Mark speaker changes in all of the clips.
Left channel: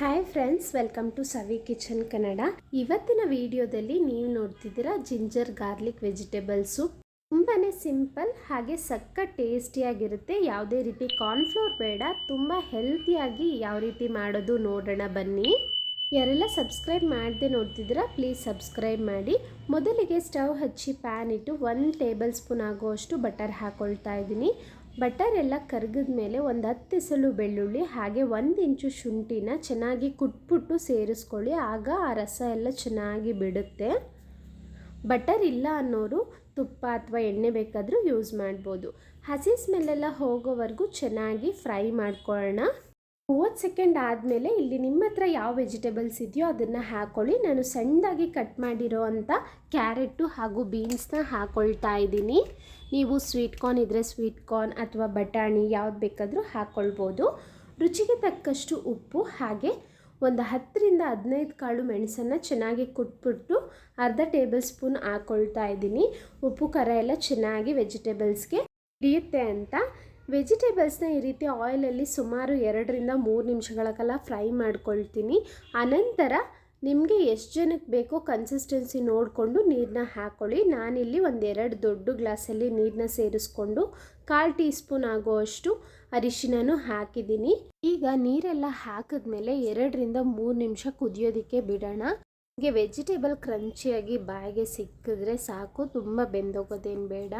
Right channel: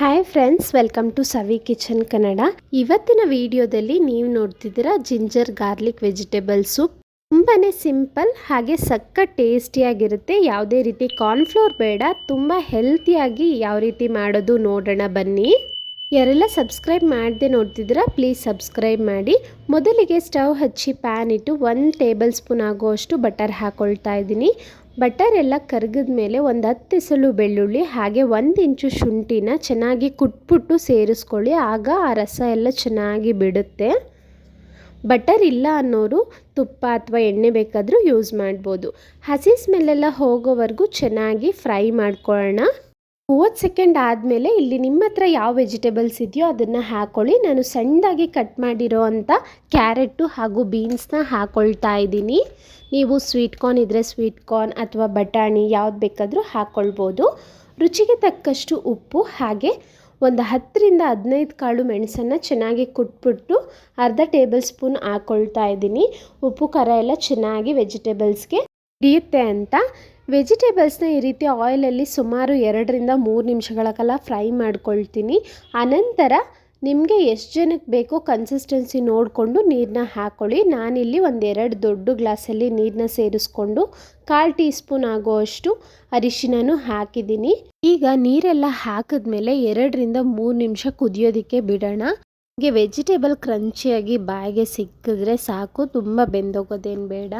Speaker 1: Hi friends welcome to Savi kitchen Kannada ಇವತ್ತಿನ ವಿಡಿಯೋದಲ್ಲಿ ನೀವು ನೋಡ್ತಿದ್ದೀರಾ ಜಿಂಜರ್ ಗಾರ್ಲಿಕ್ ವೆಜಿಟೇಬಲ್ ಸೂಪ್ ತುಂಬಾ ಸಿಂಪಲ್ ಹಾಗೆ ಸಕ್ಕ ಟೇಸ್ಟಿಯಾಗಿರುತ್ತೆ ಯಾವುದೇ ರೀತಿ ಕಾರ್ನ್ಫ್ಲೋರ್ ಬೇಡ, ತುಂಬ ಹೆಲ್ತಿಯಾಗಿ ಯಾವ ರೀತಿ ಮಾಡೋದು ನೋಡೋಣ ಬನ್ನಿ. ಯಾರೆಲ್ಲ ಸಬ್ಸ್ಕ್ರೈಬ್ ಮಾಡದೆ ನೋಡ್ತಿದ್ದೀರಾ ಪ್ಲೀಸ್ ಸಬ್ಸ್ಕ್ರೈಬ್ ಮಾಡಿ. ಮೊದಲಿಗೆ ಸ್ಟವ್ ಹಚ್ಚಿ ಪ್ಯಾನ್ ಇಟ್ಟು ಒಂದು ಟೇಬಲ್ ಸ್ಪೂನ್ ಆಗುವಷ್ಟು ಬಟರ್ ಹಾಕ್ಕೊಳ್ತಾ ಇದ್ದೀನಿ. ಬಟರ್ ಎಲ್ಲ ಕರಗಿದ ಮೇಲೆ ಒಂದು ಹತ್ತು ಎಸಳು ಬೆಳ್ಳುಳ್ಳಿ, ಹಾಗೆ ಒಂದು ಇಂಚು ಶುಂಠಿನ ಚೆನ್ನಾಗಿ ಕುಟ್ಬಿಟ್ಟು ಸೇರಿಸ್ಕೊಳ್ಳಿ. ಆಗ ಆ ರಸ ಎಲ್ಲ ಚೆನ್ನಾಗಿ ಬಿಡುತ್ತೆ. ಬಟರ್ ಇಲ್ಲ ಅನ್ನೋರು ತುಪ್ಪ ಅಥವಾ ಎಣ್ಣೆ ಬೇಕಾದರೂ ಯೂಸ್ ಮಾಡ್ಬೋದು. ಹಸಿ ಸ್ಮೆಲ್ಲೆಲ್ಲ ಹೋಗೋವರೆಗೂ ಚೆನ್ನಾಗಿ ಫ್ರೈ ಮಾಡ್ಕೊಳ್ಳೋಣ. ಮೂವತ್ತು ಸೆಕೆಂಡ್ ಆದಮೇಲೆ ಇಲ್ಲಿ ನಿಮ್ಮ ಹತ್ರ ಯಾವ ವೆಜಿಟೇಬಲ್ಸ್ ಇದೆಯೋ ಅದನ್ನು ಹಾಕ್ಕೊಳ್ಳಿ ನಾನು ಸಣ್ಣದಾಗಿ ಕಟ್ ಮಾಡಿರೋ ಅಂಥ ಕ್ಯಾರೆಟು ಹಾಗೂ ಬೀನ್ಸ್ನ ಹಾಕ್ಕೊಳ್ತಾ ಇದ್ದೀನಿ. ನೀವು ಸ್ವೀಟ್ ಕಾರ್ನ್ ಇದ್ದರೆ ಸ್ವೀಟ್ ಕಾರ್ನ್ ಅಥವಾ ಬಟಾಣಿ ಯಾವ್ದು ಬೇಕಾದರೂ ಹಾಕ್ಕೊಳ್ಬೋದು ರುಚಿಗೆ ತಕ್ಕಷ್ಟು ಉಪ್ಪು ಹಾಗೆ ಒಂದು ಹತ್ತರಿಂದ ಹದಿನೈದು ಕಾಳು ಮೆಣಸನ್ನು ಚೆನ್ನಾಗಿ ಕುಟ್ಬಿಟ್ಟು ಅರ್ಧ ಟೇಬಲ್ ಸ್ಪೂನ್ ಹಾಕ್ಕೊಳ್ತಾ ಇದ್ದೀನಿ. ಉಪ್ಪು ಖಾರ ಎಲ್ಲ ಚೆನ್ನಾಗಿ ವೆಜಿಟೇಬಲ್ಸ್ಗೆ ಹಿಡಿಯುತ್ತೆ ಅಂತ ವೆಜಿಟೇಬಲ್ಸ್ನ ಈ ರೀತಿ ಆಯಿಲಲ್ಲಿ ಸುಮಾರು ಎರಡರಿಂದ ಮೂರು ನಿಮಿಷಗಳ ಕಾಲ ಫ್ರೈ ಮಾಡ್ಕೊಳ್ತೀನಿ. ಅನಂತರ ನಿಮಗೆ ಎಷ್ಟು ಜನಕ್ಕೆ ಬೇಕೋ ಕನ್ಸಿಸ್ಟೆನ್ಸಿ ನೋಡಿಕೊಂಡು ನೀರನ್ನ ಹಾಕ್ಕೊಳ್ಳಿ ನಾನಿಲ್ಲಿ ಒಂದೆರಡು ದೊಡ್ಡ ಗ್ಲಾಸಲ್ಲಿ ನೀರನ್ನ ಸೇರಿಸ್ಕೊಂಡು ಕಾಲು ಟೀ ಸ್ಪೂನ್ ಆಗುವಷ್ಟು ಅರಿಶಿನೂ ಹಾಕಿದ್ದೀನಿ. ಈಗ ನೀರೆಲ್ಲ ಹಾಕಿದ್ಮೇಲೆ ಎರಡರಿಂದ ಮೂರು ನಿಮಿಷ ಕುದಿಯೋದಕ್ಕೆ ಬಿಡೋಣ. ಹೀಗೆ ವೆಜಿಟೇಬಲ್ ಕ್ರಂಚಿಯಾಗಿ ಬಾಯಿಗೆ ಸಿಕ್ಕಿದ್ರೆ ಸಾಕು, ತುಂಬ ಬೆಂದೋಗೋದೇನು ಬೇಡ.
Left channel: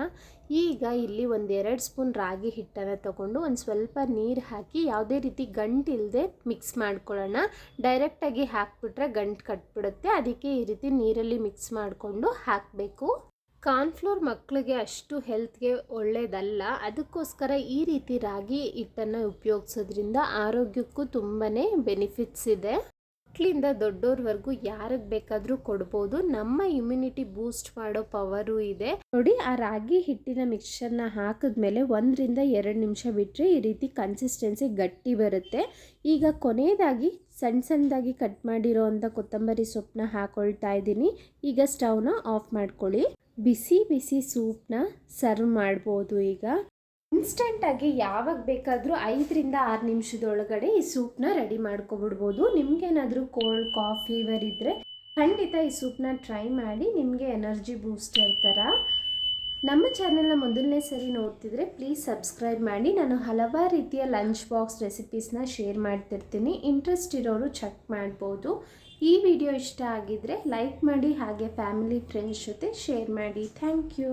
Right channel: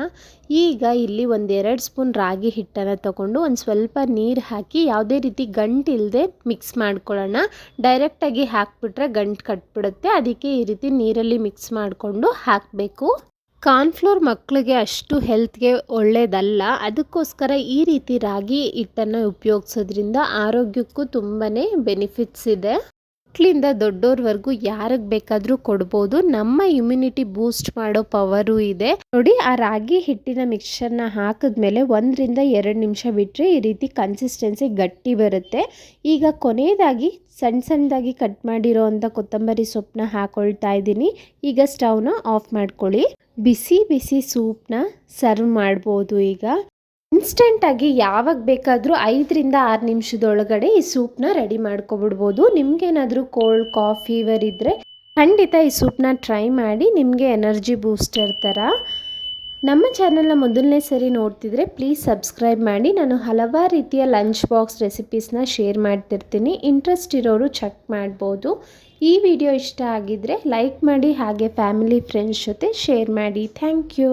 Speaker 1: ಈಗ ಇಲ್ಲಿ ಒಂದೆರಡು ಸ್ಪೂನ್ ರಾಗಿ ಹಿಟ್ಟನ್ನು ತಗೊಂಡು ಒಂದು ಸ್ವಲ್ಪ ನೀರು ಹಾಕಿ ಯಾವುದೇ ರೀತಿ ಗಂಟು ಇಲ್ಲದೆ ಮಿಕ್ಸ್ ಮಾಡ್ಕೊಳ್ಳೋಣ. ಡೈರೆಕ್ಟಾಗಿ ಹಾಕ್ಬಿಟ್ರೆ ಗಂಟು ಕಟ್ಬಿಡುತ್ತೆ. ಅದಕ್ಕೆ ಈ ರೀತಿ ನೀರಲ್ಲಿ ಮಿಕ್ಸ್ ಮಾಡಿಕೊಂಡು ಹಾಕಬೇಕು. ಕಾರ್ನ್ಫ್ಲೋರ್ ಮಕ್ಕಳಿಗೆ ಅಷ್ಟು ಹೆಲ್ತ್ಗೆ ಒಳ್ಳೆಯದಲ್ಲ ಅದಕ್ಕೋಸ್ಕರ ಈ ರೀತಿ ರಾಗಿ ಹಿಟ್ಟನ್ನು ಉಪಯೋಗಿಸೋದ್ರಿಂದ ಆರೋಗ್ಯಕ್ಕೂ ತುಂಬಾ ಬೆನಿಫಿಟ್ಸ್ ಇದೆ. ಮಕ್ಕಳಿಂದ ದೊಡ್ಡೋರ್ವರೆಗೂ ಯಾರಿಗೆ ಬೇಕಾದರೂ ಕೊಡ್ಬೋದು. ನಮ್ಮ ಇಮ್ಯುನಿಟಿ ಬೂಸ್ಟ್ ಮಾಡೋ ಪವರು ಇದೆ. ನೋಡಿ, ಆ ರಾಗಿ ಹಿಟ್ಟಿನ ಮಿಕ್ಸ್ಚರ್ನ ಹಾಕಿದ್ಮೇಲೆ ಒಂದರಿಂದ ಎರಡು ನಿಮಿಷ ಬಿಟ್ಟರೆ ಈ ರೀತಿ ಕನ್ಸಿಸ್ಟೆನ್ಸಿ ಗಟ್ಟಿ ಬರುತ್ತೆ. ಈಗ ಕೊನೆಯದಾಗಿ ಸಣ್ಣ ಸಣ್ಣದಾಗಿ ಕಟ್ ಮಾಡಿರೋ ಅಂಥ ಕೊತ್ತಂಬರಿ ಸೊಪ್ಪನ್ನ ಹಾಕೊಳ್ತಾ ಇದ್ದೀನಿ. ಈಗ ಸ್ಟವ್ನ ಆಫ್ ಮಾಡ್ಕೊಳ್ಳಿ. ಬಿಸಿ ಬಿಸಿ ಸೂಪ್ನ ಸರ್ವ್ ಮಾಡ್ಬೋದು ಈಗ. ಇನ್ಸ್ಟೆಂಟಾಗಿ ಯಾವಾಗ ಬೇಕಾದರೂ ಐದರಿಂದ ಆರು ನಿಮಿಷದೊಳಗಡೆ ಈ ಸೂಪ್ನ ರೆಡಿ ಮಾಡ್ಕೊಬಿಡ್ಬೋದು. ನಿಮಗೇನಾದರೂ ಕೋಲ್ಡ್, ಕಾಫಿ, ಫೀವರ್ ಇದ್ದರೆ ಖಂಡಿತ ಈ ಸೂಪ್ನ ಟ್ರೈ ಮಾಡಿ, ನಿಮಗೆ ಎನರ್ಜಿ ಬೂಸ್ಟರ್ ಥರ. ನಮ್ಮ ಚಾನಲ್ನ ಮೊದಲನೇ ಸರಿ ನೋಡ್ತಿದ್ರೆ ಪ್ಲೀಸ್ ಸಬ್ಸ್ಕ್ರೈಬ್ ಮಾಡಿ. ನಾನು ಹಲವಾರು ರೀತಿಯ ಲಂಚ್ ಬಾಕ್ಸ್ ರೆಸಿಪೀಸ್ನ ಶೇರ್ ಮಾಡ್ತಿರ್ತೀನಿ. ಇಂಟ್ರೆಸ್ಟ್ ಇರೋರು ಚೆಕ್ ಮಾಡ್ಬೋದು. ಈ ವಿಡಿಯೋ ಇಷ್ಟ ಆಗಿದ್ದರೆ ಲೈಕ್ ಮಾಡಿ, ಹಾಗೆ ಫ್ಯಾಮಿಲಿ, ಫ್ರೆಂಡ್ಸ್ ಜೊತೆ ಶೇರ್ ಮಾಡಿ. Thank you.